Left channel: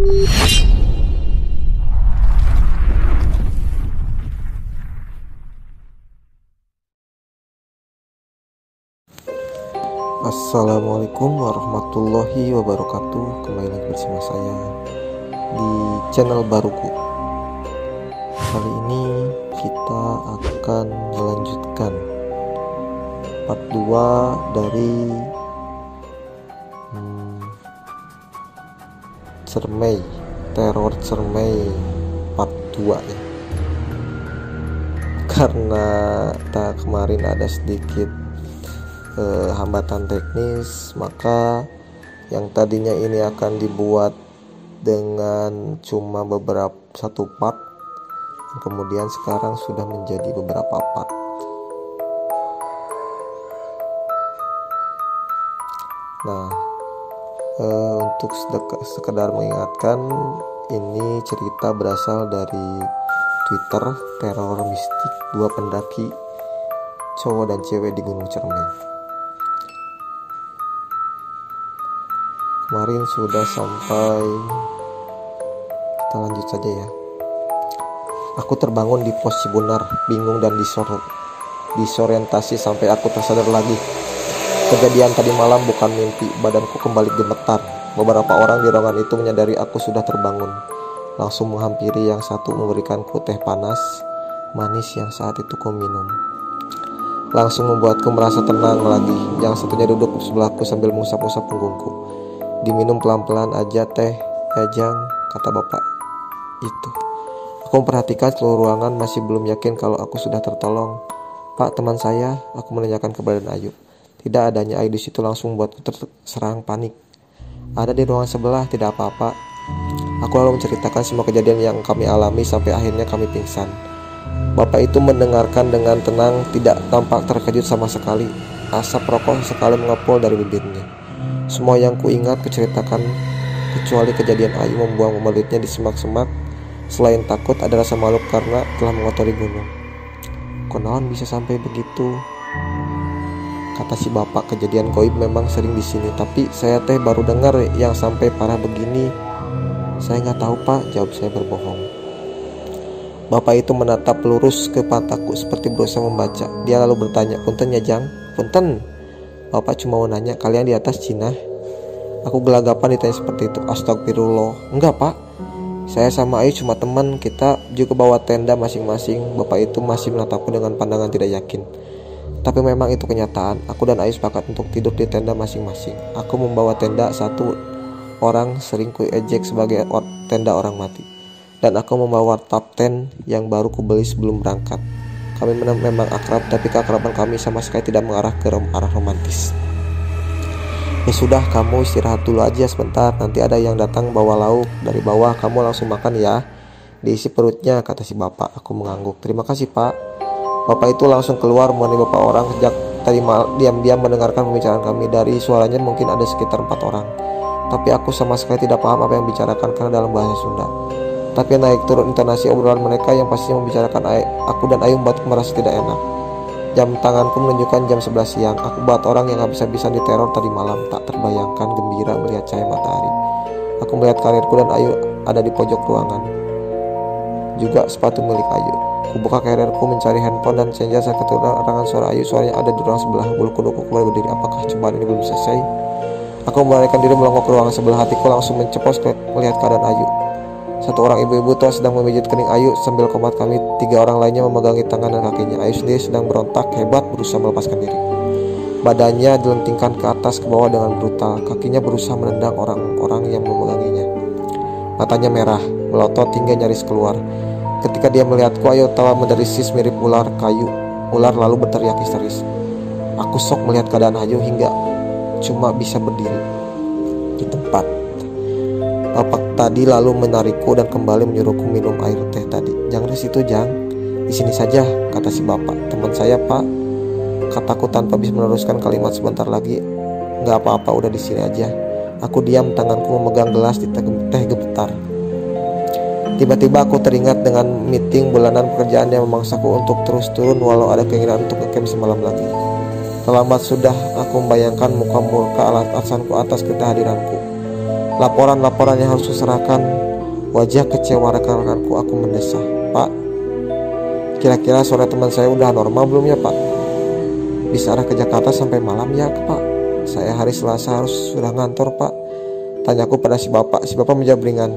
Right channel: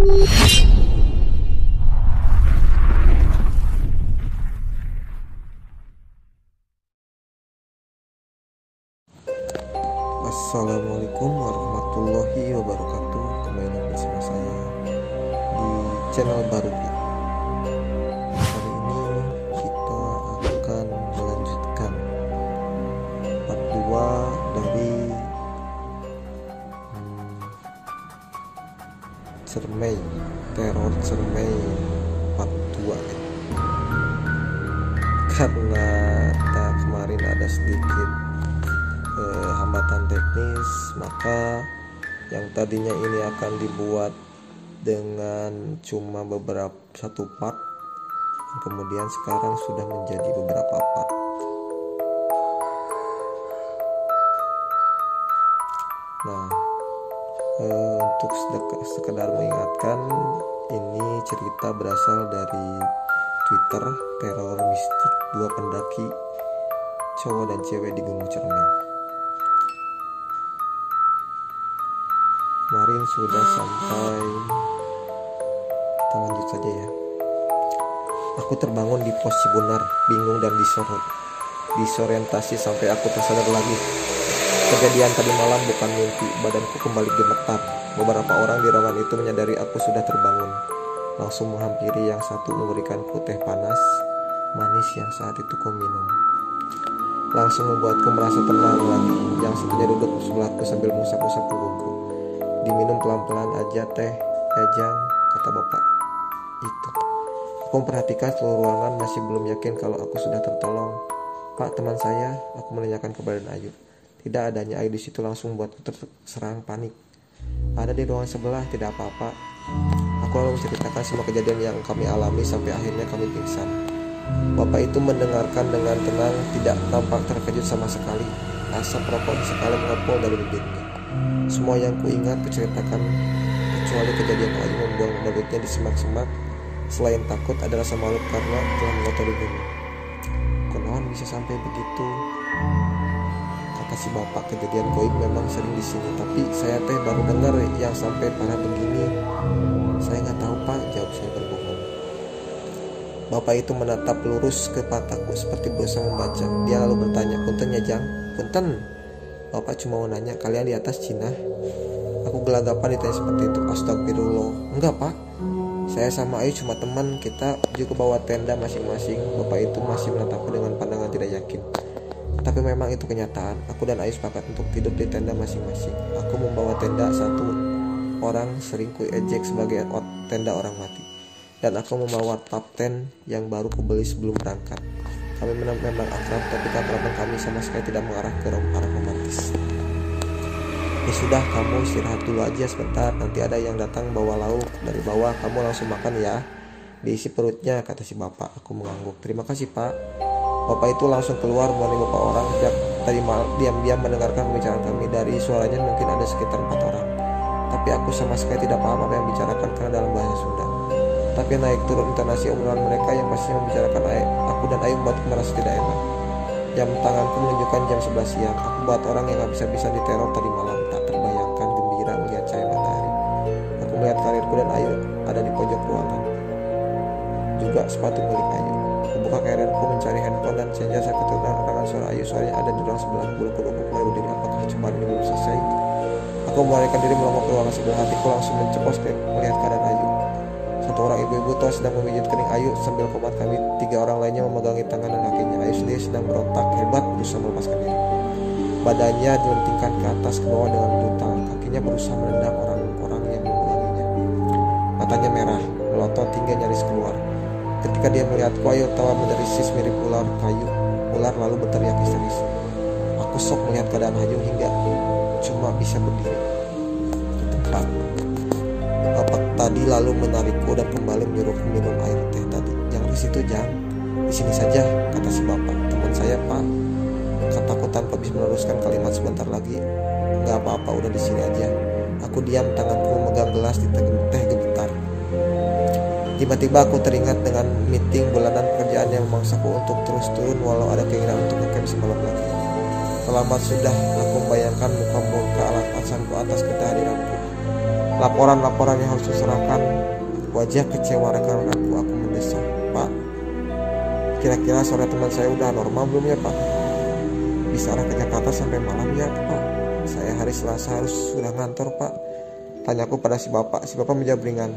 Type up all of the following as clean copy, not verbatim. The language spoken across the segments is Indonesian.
Assalamualaikum warahmatullahi wabarakatuh. Kembali lagi bersama saya di channel baruku. Kali ini kita akan melanjutkan part 2 dari teror Cermai part 2 ya. Karena kemarin ada sedikit hambatan teknis, maka yang tadinya ini akan dibuat dengan cuma satu part, kemudian sekarang sudah menjadi beberapa part. Nah, untuk sekedar mengingatkan, ini cerita berasal dari Twitter teror mistik 2 pendaki cowok dan cewek di Gunung Cermai. Kemarin sudah sampai, kita lanjut saja ya. Aku terbangun di pos Cibunar, bingung dan disorientasi sampai aku tersadar lagi. Kejadian tadi malam bukan mimpi, badanku kembali gemetar. Beberapa orang di ruangan itu menyadari aku sudah terbangun. Langsung menghampiri yang satu memberikanku teh panas, manis yang saat itu ku minum. Langsung membuatku merasa tenang lagi. Yang satunya duduk sebelahku sambil mengusap-usap punggungku. Diminum pelan-pelan aja teh, ya Jang, kata bapak itu. Aku memperhatikan seluruh ruangan, masih belum yakin kalau aku sudah tertolong. Pak, teman saya, aku menanyakan kepada Ayu. Tidak adanya Ayu di situ langsung membuatku terserang panik. Ada di ruangan sebelah, tidak apa-apa. Aku lalu menceritakan semua kejadian yang kami alami sampai akhirnya kami pingsan. Bapak itu mendengarkan dengan tenang, tidak tampak terkejut sama sekali. Asap rokok sekali mengepul dari bibirnya. Semua yang kuingat kuceritakan, kecuali kejadian Ayu membuang mulutnya di semak-semak. Selain takut, ada rasa malu karena telah mengotori gunung. Konon bisa sampai begitu, kata si bapak. Kejadian goib memang sering di sini, tapi saya baru dengar yang sampai parah begini. Saya nggak tahu pak, jawab saya berbohong. Bapak itu menatap lurus ke mataku seperti berusaha membaca. Dia lalu bertanya, punten ya Jang? Punten. Bapak cuma mau nanya, kalian di atas Cina? Aku gelagapan ditanya seperti itu. Astagfirullah. Enggak pak, saya sama Ayu cuma teman, kita juga bawa tenda masing-masing. Bapak itu masih menatapku dengan pandangan tidak yakin. Tapi memang itu kenyataan. Aku dan Ayu sepakat untuk tidur di tenda masing-masing. Aku membawa tenda satu orang sering kuejek sebagai tenda orang mati. Dan aku membawa top tent yang baru kubeli sebelum berangkat. Kami memang akrab, tapi keakraban kami sama sekali tidak mengarah ke arah romantis. Ya sudah, kamu istirahat dulu aja sebentar. Nanti ada yang datang bawa lauk dari bawah, kamu langsung makan ya. Diisi perutnya, kata si bapak. Aku mengangguk. Terima kasih pak. Bapak itu langsung keluar menemani beberapa orang. Sejak tadi diam-diam mendengarkan pembicaraan kami. Dari suaranya mungkin ada sekitar 4 orang. Tapi aku sama sekali tidak paham apa yang dibicarakan karena dalam bahasa Sunda. Tapi naik turun intonasi obrolan mereka yang pastinya membicarakan aku dan Ayu membuatku merasa tidak enak. Jam tanganku menunjukkan jam 11 siang. Aku buat orang yang habis-habisan diteror tadi malam. Tak terbayangkan gembira melihat cahaya matahari. Aku melihat karirku dan Ayu ada di pojok ruangan. Juga sepatu milik Ayu. Aku buka karirku mencari handphone dan senja saat kedengaran suara Ayu. Suaranya ada di ruang sebelah. Bulu kuduku kembali berdiri. Apakah cobaan ini belum selesai? Aku membalikkan diri melongok ke ruangan sebelah. Hatiku langsung menceplos melihat keadaan Ayu. Satu orang ibu-ibu tua sedang memijit kening Ayu sambil komat kami 3 orang lainnya memegangi tangan dan kakinya. Ayu sendiri sedang berontak hebat berusaha melepaskan diri. Badannya dilentingkan ke atas ke bawah dengan brutal. Kakinya berusaha menendang orang-orang yang memeganginya. Matanya merah, melotot hingga nyaris keluar. Ketika dia melihatku, Ayu telah menderis mirip ular kayu. Ular lalu berteriak histeris. Aku sok melihat keadaan Ayu hingga cuma bisa berdiri di tempat. Bapak tadi lalu menarikku dan kembali menyuruhku minum air teh tadi. Jangan di situ Jang, di sini saja, kata si bapak. Teman saya pak, kataku tanpa bisa meneruskan kalimat sebentar lagi. Nggak apa-apa, udah di sini aja. Aku diam, tanganku memegang gelas di teh gemetar. Tiba-tiba aku teringat dengan meeting bulanan pekerjaan yang memaksaku untuk terus turun walau ada keinginan untuk ngecamp semalam lagi. Terlambat sudah aku membayangkan muka-muka alasanku atas kehadiranku. laporan-laporan yang harus diserahkan. Wajah kecewa rekan-rekanku, aku mendesah. Pak, kira-kira sore teman saya udah normal belum ya Pak? Bisa arah ke Jakarta sampai malam ya Pak? Saya hari Selasa harus sudah ngantor Pak, tanyaku pada si bapak. Si bapak menjawab ringan,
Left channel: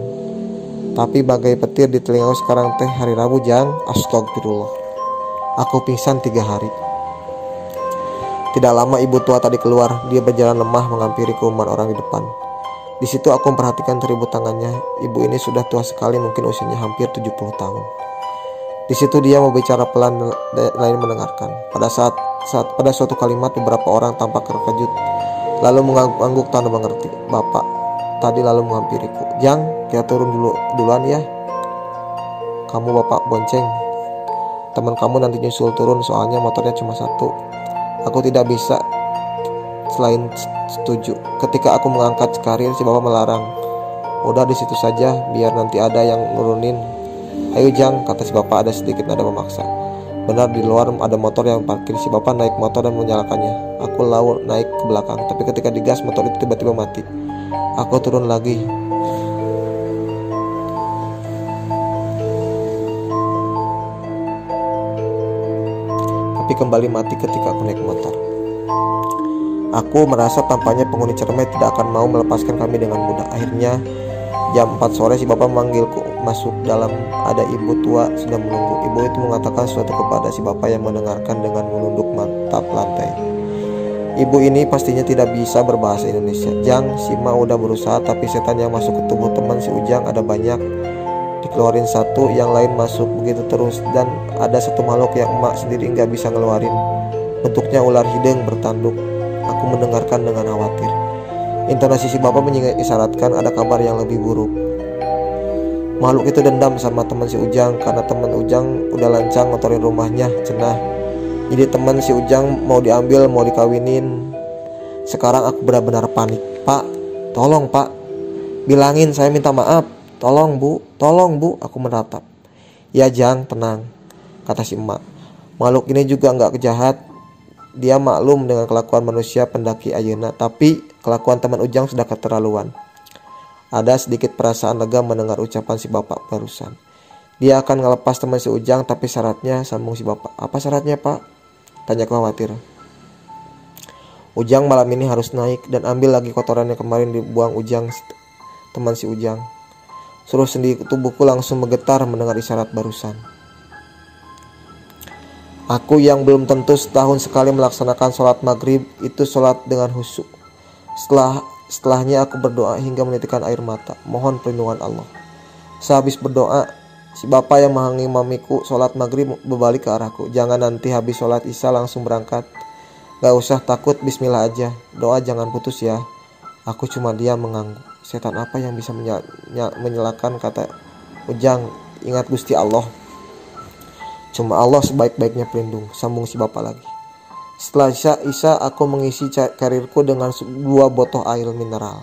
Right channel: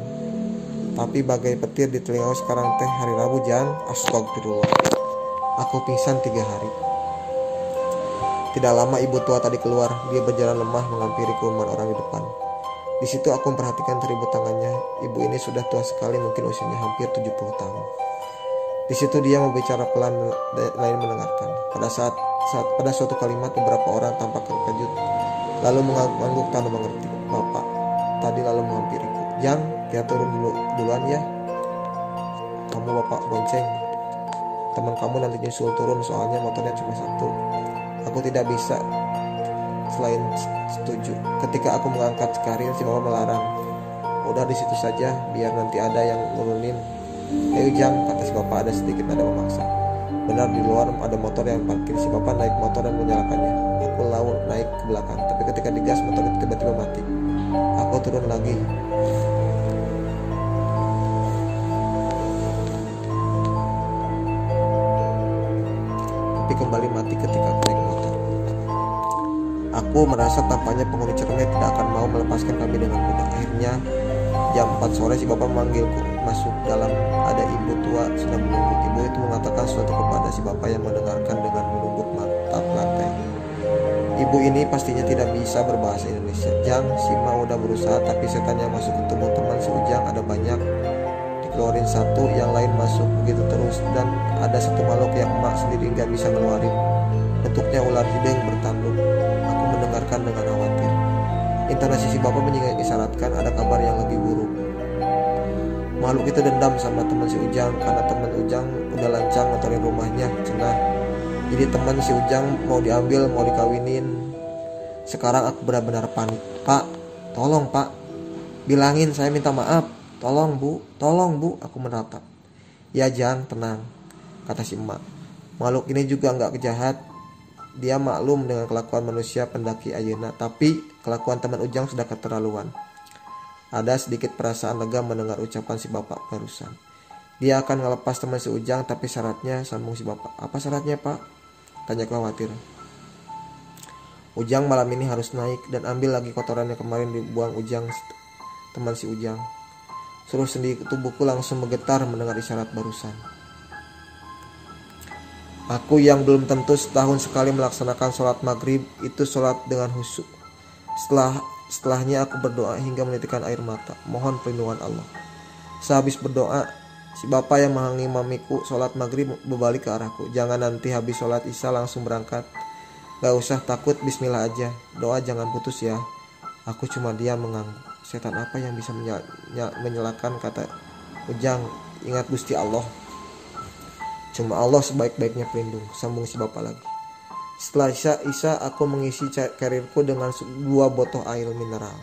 tapi bagai petir di telingaku sekarang teh hari Rabu Jang. Astagfirullah. Aku pingsan 3 hari. Tidak lama ibu tua tadi keluar. Dia berjalan lemah menghampiri kerumunan orang di depan. Di situ aku memperhatikan teribut tangannya. Ibu ini sudah tua sekali, mungkin usianya hampir 70 tahun. Di situ dia berbicara pelan lain mendengarkan. Pada suatu kalimat beberapa orang tampak terkejut, lalu mengangguk tanda mengerti. Bapak tadi lalu menghampiriku. Jang, kita turun duluan ya. Kamu bapak bonceng. Teman kamu nanti nyusul turun, soalnya motornya cuma 1. Aku tidak bisa selain setuju. Ketika aku mengangkat karir, si bapak melarang. Udah di situ saja, biar nanti ada yang nurunin. Ayo Jang, kata si bapak ada sedikit nada memaksa. Benar, di luar ada motor yang parkir. Si bapak naik motor dan menyalakannya. Aku lalu naik ke belakang, tapi ketika digas motor itu tiba-tiba mati. Aku turun lagi. Tapi kembali mati ketika aku naik motor. Aku merasa tampaknya penghuni Cermet tidak akan mau melepaskan kami dengan mudah. Akhirnya jam 4 sore si bapak memanggilku masuk dalam. Ada ibu tua sedang menunggu. Ibu itu mengatakan sesuatu kepada si bapak yang mendengarkan dengan menunduk mata lantai. Ibu ini pastinya tidak bisa berbahasa Indonesia. Jang, si Ma udah berusaha, tapi setan yang masuk ke tubuh teman si Ujang ada banyak. Dikeluarin satu, yang lain masuk, begitu terus. Dan ada satu makhluk yang emak sendiri nggak bisa ngeluarin. Bentuknya ular hidung bertanduk. Aku mendengarkan dengan khawatir. Intonasi si bapak mengisyaratkan ada kabar yang lebih buruk. Makhluk itu dendam sama teman si Ujang karena teman Ujang udah lancang motorin rumahnya, cenah. Jadi teman si Ujang mau diambil, mau dikawinin. Sekarang aku benar-benar panik. Pak, tolong Pak, bilangin saya minta maaf. Tolong Bu, aku menatap. Ya Jang, tenang, kata si emak. Makhluk ini juga gak kejahat. Dia maklum dengan kelakuan manusia pendaki ayeuna, tapi kelakuan teman Ujang sudah keterlaluan. Ada sedikit perasaan lega mendengar ucapan si bapak barusan. Dia akan ngelepas teman si Ujang, tapi syaratnya, sambung si bapak. Apa syaratnya Pak? Tanya khawatir. Ujang malam ini harus naik dan ambil lagi kotoran yang kemarin dibuang Ujang, teman si Ujang. Seluruh sendi tubuhku langsung menggetar mendengar isyarat barusan. Aku yang belum tentu setahun sekali melaksanakan sholat maghrib itu sholat dengan khusyuk. Setelahnya aku berdoa hingga menitikkan air mata, mohon perlindungan Allah. Sehabis berdoa, si bapak yang mengimamiku sholat maghrib berbalik ke arahku. Jangan nanti habis sholat isya langsung berangkat. Gak usah takut, bismillah aja. Doa jangan putus ya. Aku cuma diam mengangguk. Setan apa yang bisa menyalakan, kata Ujang. Ingat Gusti Allah. Cuma Allah sebaik-baiknya pelindung, sambung si bapak lagi. Setelah isya aku mengisi karirku dengan 2 botol air mineral.